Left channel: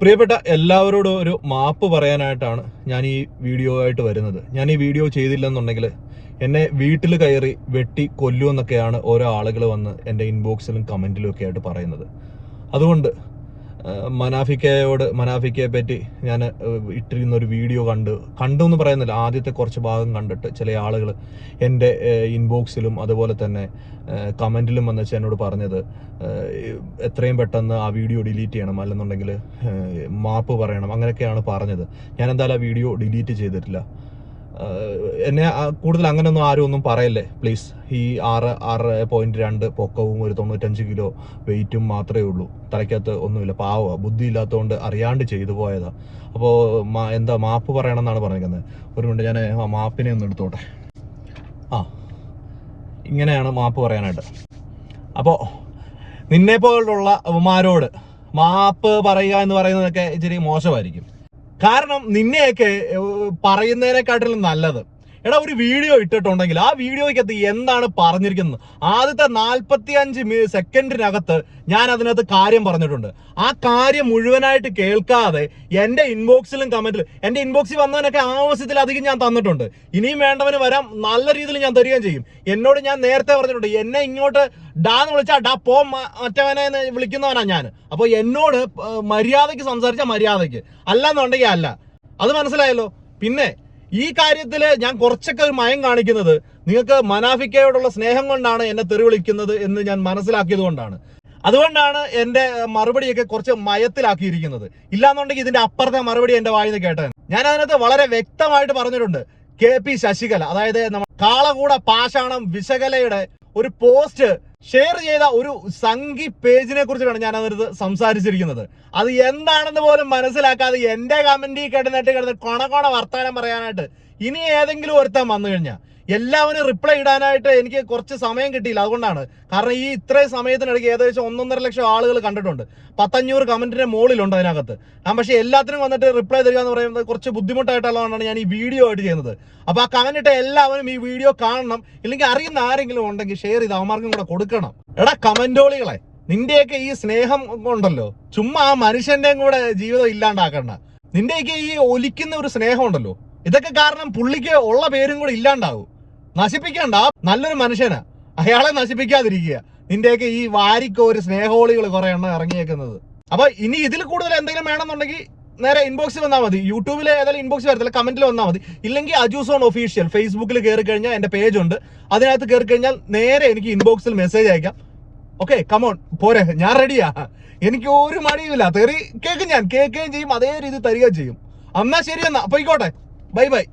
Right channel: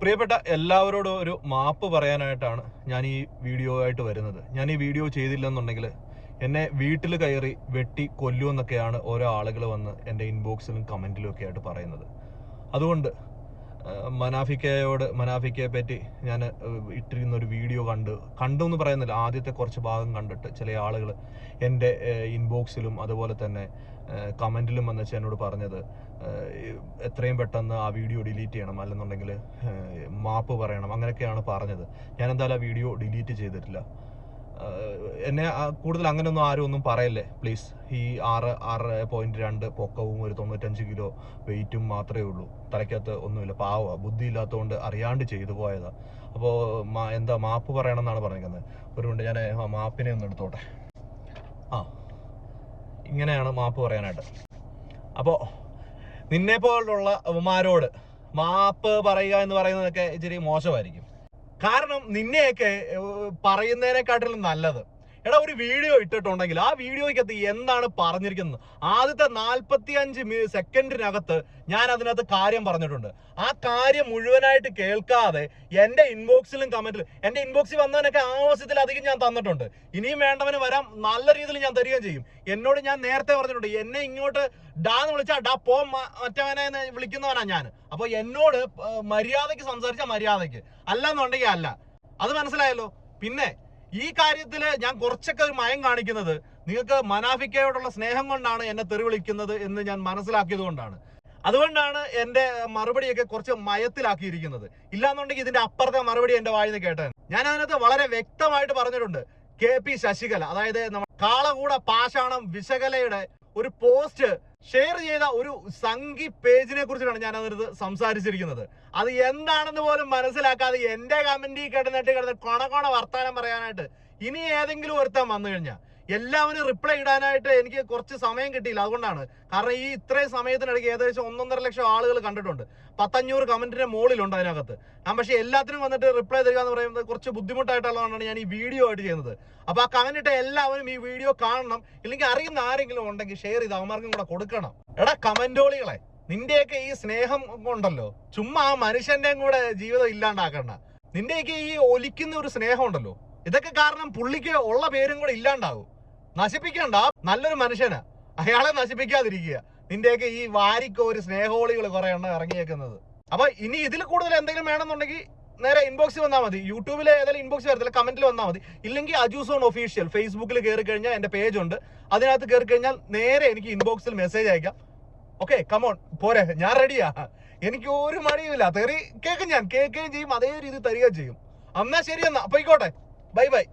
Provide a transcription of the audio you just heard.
പ്രിയപ്പെട്ട എല്ലാവരോടും ഒരു മാപ്പ് പറയാനായിട്ടാണ് ഞാൻ ഈ വീഡിയോ ആയിട്ട് വരുന്നത്. ഞാൻ ഈ വീഡിയോ ചെയ്തില്ലെന്നുണ്ടെങ്കിൽ എന്നെ വീട്ടിൽ കയറി വെട്ടി കൊല്ലുമെന്നൊക്കെയാണ് ഓരോ ആളുകൾ വന്ന് എന്റെ ഇൻബോക്സിലും കമന്റിലും ഒക്കെ ആയിട്ട് പറയുന്നത്. അതുകൊണ്ട് മനാഫിക്കയോട് മനാഫിക്കയെ പറ്റി ഞാൻ ഇട്ടിരുന്ന ഒരു വീഡിയോ കണ്ട് കണ്ടു എന്ന് പറയുന്നില്ല. ആദ്യത്തെ കുറച്ച് ഭാഗം കണ്ടിട്ട് ചില ആളുകൾ എന്റെ ഇൻബോക്സിലും അതുപോലെ തന്നെ കമന്റിലും വന്ന് എന്നോട് പറഞ്ഞത് എത്രയും പെട്ടെന്ന് ആ വീഡിയോ ഡിലീറ്റ് ചെയ്യണം. അല്ലെന്നുണ്ടെങ്കിൽ മാപ്പ് പറയണം. അങ്ങനെയൊക്കെയാണ് പറഞ്ഞത്. ഞാൻ എന്തായാലും ആ വീഡിയോ ഡിലീറ്റ് ചെയ്തിട്ടില്ല. എന്നെ കൂടുതൽ അങ്ങനെയൊന്നും ആരും ഒന്നും പറയല്ലേ? പ്ലീസ് ഈ ആറ് ആറ് പോയിന്റ് രണ്ട് പൊക്കവും ഒരു തൊണ്ണൂറ്റഞ്ച് കിലോ വെയിറ്റും മാത്രമേ ഉള്ളൂ. തലയ്ക്കകത്ത് ഒന്നുമില്ല. പാവ ബുദ്ധി ഇല്ലാത്തതുകൊണ്ട് അറിയാണ്ട് ചെയ്തു പോയതാ. അപ്പോൾ എന്താ മാപ്പ് പറയണമെന്നാണ് പറഞ്ഞിരിക്കുന്നത് ഒരു മിനിറ്റ് ഞാൻ ആ മാപ്പിനെ ഒന്ന് എടുത്തോട്ടെ. ആ ഇങ്ങനെയാണ് മാപ്പ് പറയാനായിട്ട്. അപ്പോൾ നിന്നെ പോലുള്ള ഉമാരോട് മാപ്പ് പറയുക എന്ന് പറയുന്നതൊക്കെ ഇച്ചിരി മോശമായിരിക്കും. കാരണം നിന്നെയൊക്കെ പറയുന്നതിനെക്കാട്ടിലും നല്ലത്. എടാ ഒരു വീഡിയോ ഇട്ടിട്ടുണ്ടെങ്കിൽ ആ വീഡിയോയ്ക്കകത്ത് എന്താണ് പറഞ്ഞിരിക്കുന്നത്? ആദ്യത്തെ നാൽപ്പത്തി അഞ്ച് സെക്കൻഡിനകത്ത് ഞാൻ അതിനകത്ത് കാര്യം പറഞ്ഞിട്ടുണ്ട്. ആ കാര്യം മുഴുവനായിട്ട് കേൾക്കാതെ എന്റെ ഇൻബോക്സിലും കമന്റിലും എന്റെ ഇൻബോക്സിൽ വന്നവനൊക്കെ ആവശ്യത്തിലധികം ഞാൻ തന്നിട്ടുണ്ട്. ഇനിയും വേണ്ടവന് വരാം നല്ല രീതിയിൽ ഞാൻ തരികയും ചെയ്യും. എന്നോട് ഞാൻ നേരത്തെ പറഞ്ഞിട്ടുണ്ട് എന്നെ ഇങ്ങോട്ട് ഡാന്ന് വിളിച്ചാ ഡാ പോ മറ്റവനെ വിളിക്കുന്നവനാ ഞാൻ. അപ്പൊ എന്നോട് മര്യാദയ്ക്ക് സംസാരിച്ച മര്യാദയ്ക്ക്. അല്ലെന്നുണ്ടെങ്കിൽ അല്ല. അത് മനസ്സിലായല്ലോ? പിന്നെ ഈ കാര്യത്തിൽ ഞാൻ കുറച്ചൊക്കെ ഒരു മയം കാണിക്കുന്നത് നിങ്ങൾക്ക് മനാഫിക്കയോടുള്ള സ്നേഹം കൊണ്ടാണ് എന്നെ തെറി വിളിക്കുന്നത് എന്ന് ഞാൻ മനസ്സിലാക്കിയത് കൊണ്ടാണ്. അതുകൊണ്ടാണ് എന്റെ മറുപടിയൊക്കെ കുറച്ച് മയത്തിലാക്കിയിരിക്കുന്നത്. ഇല്ലാന്നുണ്ടെങ്കിൽ ഇതിന്റെ അപ്പുറത്തെ മറുപടി എന്റെ വായിന്ന് കേട്ടത്. ഞാൻ അതിനകത്ത് വളരെ വ്യക്തമായിട്ട് പറഞ്ഞിട്ടുണ്ട്. കെ പി ശശികല അതായത് കാളകൂട പാഷാണം വിശകലയുടെ ഒരു പോസ്റ്റ് ഷെയർ ചെയ്ത ഒരു സംഘി പേജിനെ കുറിച്ചിട്ടാണ് ഞാൻ അതിനകത്ത് സംസാരിച്ചിരിക്കുന്നത്. അത് എന്താണെന്ന് പോലും മനസ്സിലാക്കാതെ എന്റെ കമന്റിൽ കിടന്നിട്ട് കിടന്ന് കൊണ കൊണ വർത്താനം പറയാനായിട്ട് ഇനി ഏതെങ്കിലും ഒരുത്തൻ വന്നു കഴിഞ്ഞാൽ എല്ലാവരും റിപ്ലൈ ഇടാനായിട്ട് എനിക്ക് കുറച്ച് സമയം കിട്ടിയില്ല. അതുകൊണ്ടാണ്. കാരണം ഈ ഇത്രയും സമയത്തിനിടയ്ക്ക് ഏകദേശം ഒന്നൊന്നര ലക്ഷം ആളുകൾ കണ്ടിട്ടുണ്ട്. പത്തഞ്ഞൂറ് കമന്റിന്റെ മുകളിലുണ്ട് അതിനകത്ത്. ഞാൻ പക്ഷേ എല്ലാത്തിനും വന്നിട്ട് റിപ്ലൈ തരിക എന്ന് പറയുന്നത് കുറച്ച് ബുദ്ധിമുട്ടായിട്ടുള്ളതാണ് ഞാൻ ഈ വീഡിയോ ആയിട്ട് ചെയ്യുന്നത്. അപ്പോൾ ആ കമന്റ് ഇട്ട എല്ലാവരും ഈ വീഡിയോ കാണണം. ഇല്ലെങ്കിൽ അറിയുന്ന ആരെങ്കിലും ഉണ്ടെങ്കിൽ ഷെയർ ചെയ്ത് അവന്മാർക്കും കൂടെ കൊടുക്കണം. എടാ കമന്റോളികളെ നിന്റെയൊക്കെ ഈ സ്നേഹം ഉണ്ടല്ലോ. ചുമ്മാ ആ മനുഷ്യന്റെയും കൂടെ ജീവിതം ഇല്ലാണ്ടാക്കണ്ട. നിന്റെയൊക്കെ ഈ ഒലിക്കുന്ന ഒരു സ്നേഹം ഉണ്ടല്ലോ. ഇതൊക്കെ കാരണം പുള്ളിക്ക് ഉള്ള പേരും കൂടെ ഇല്ലാണ്ടാവും. നശിപ്പിക്കണ്ട. നല്ലൊരു മനുഷ്യന്. അയാളെ നശിപ്പിക്കാതിരിക്കുക. നിന്റെയൊക്കെ ഈ വാരിക്കോര് സ്നേഹോളികൾ കുറെ എണ്ണം ഇറങ്ങിയേക്കുന്നത്. അപ്പൊ ഇനി ഇതിൽ കൂടുതൽ എന്തെങ്കിലും വേണമെന്നുണ്ടെങ്കിൽ നേരെ ഇൻബോക്സിൽ വന്നാൽ മതി. യൂട്യൂബിൽ ഏതായാലും ഇൻബോക്സ് വരത്തില്ല. കമന്റിൽ വന്നാൽ മതി. ഇല്ലെങ്കിൽ അജൂസോൺ ഒഫീഷ്യൽ ഫേസ്ബുക്കിൽ കയറി കഴിഞ്ഞാൽ എന്റെ പേജ് ഉണ്ട്. അതിനകത്ത് കയറി കഴിഞ്ഞാൽ നേരെ എനിക്ക് ഇൻബോക്സിൽ മെസ്സേജ് അയക്കാം. ഓക്കെ കമോൺ പോരെ. ഞാൻ റെഡിയാ എനിക്ക് ഒരു മടിയുമില്ല. തെറി കേൾക്കും ഞാൻ. കേൾക്കുകയും ചെയ്യും. അതേ രീതി തരികയും ചെയ്യും. എന്നാ ശരി എന്നാ. പോയിക്കോട്ടെ. Bye bye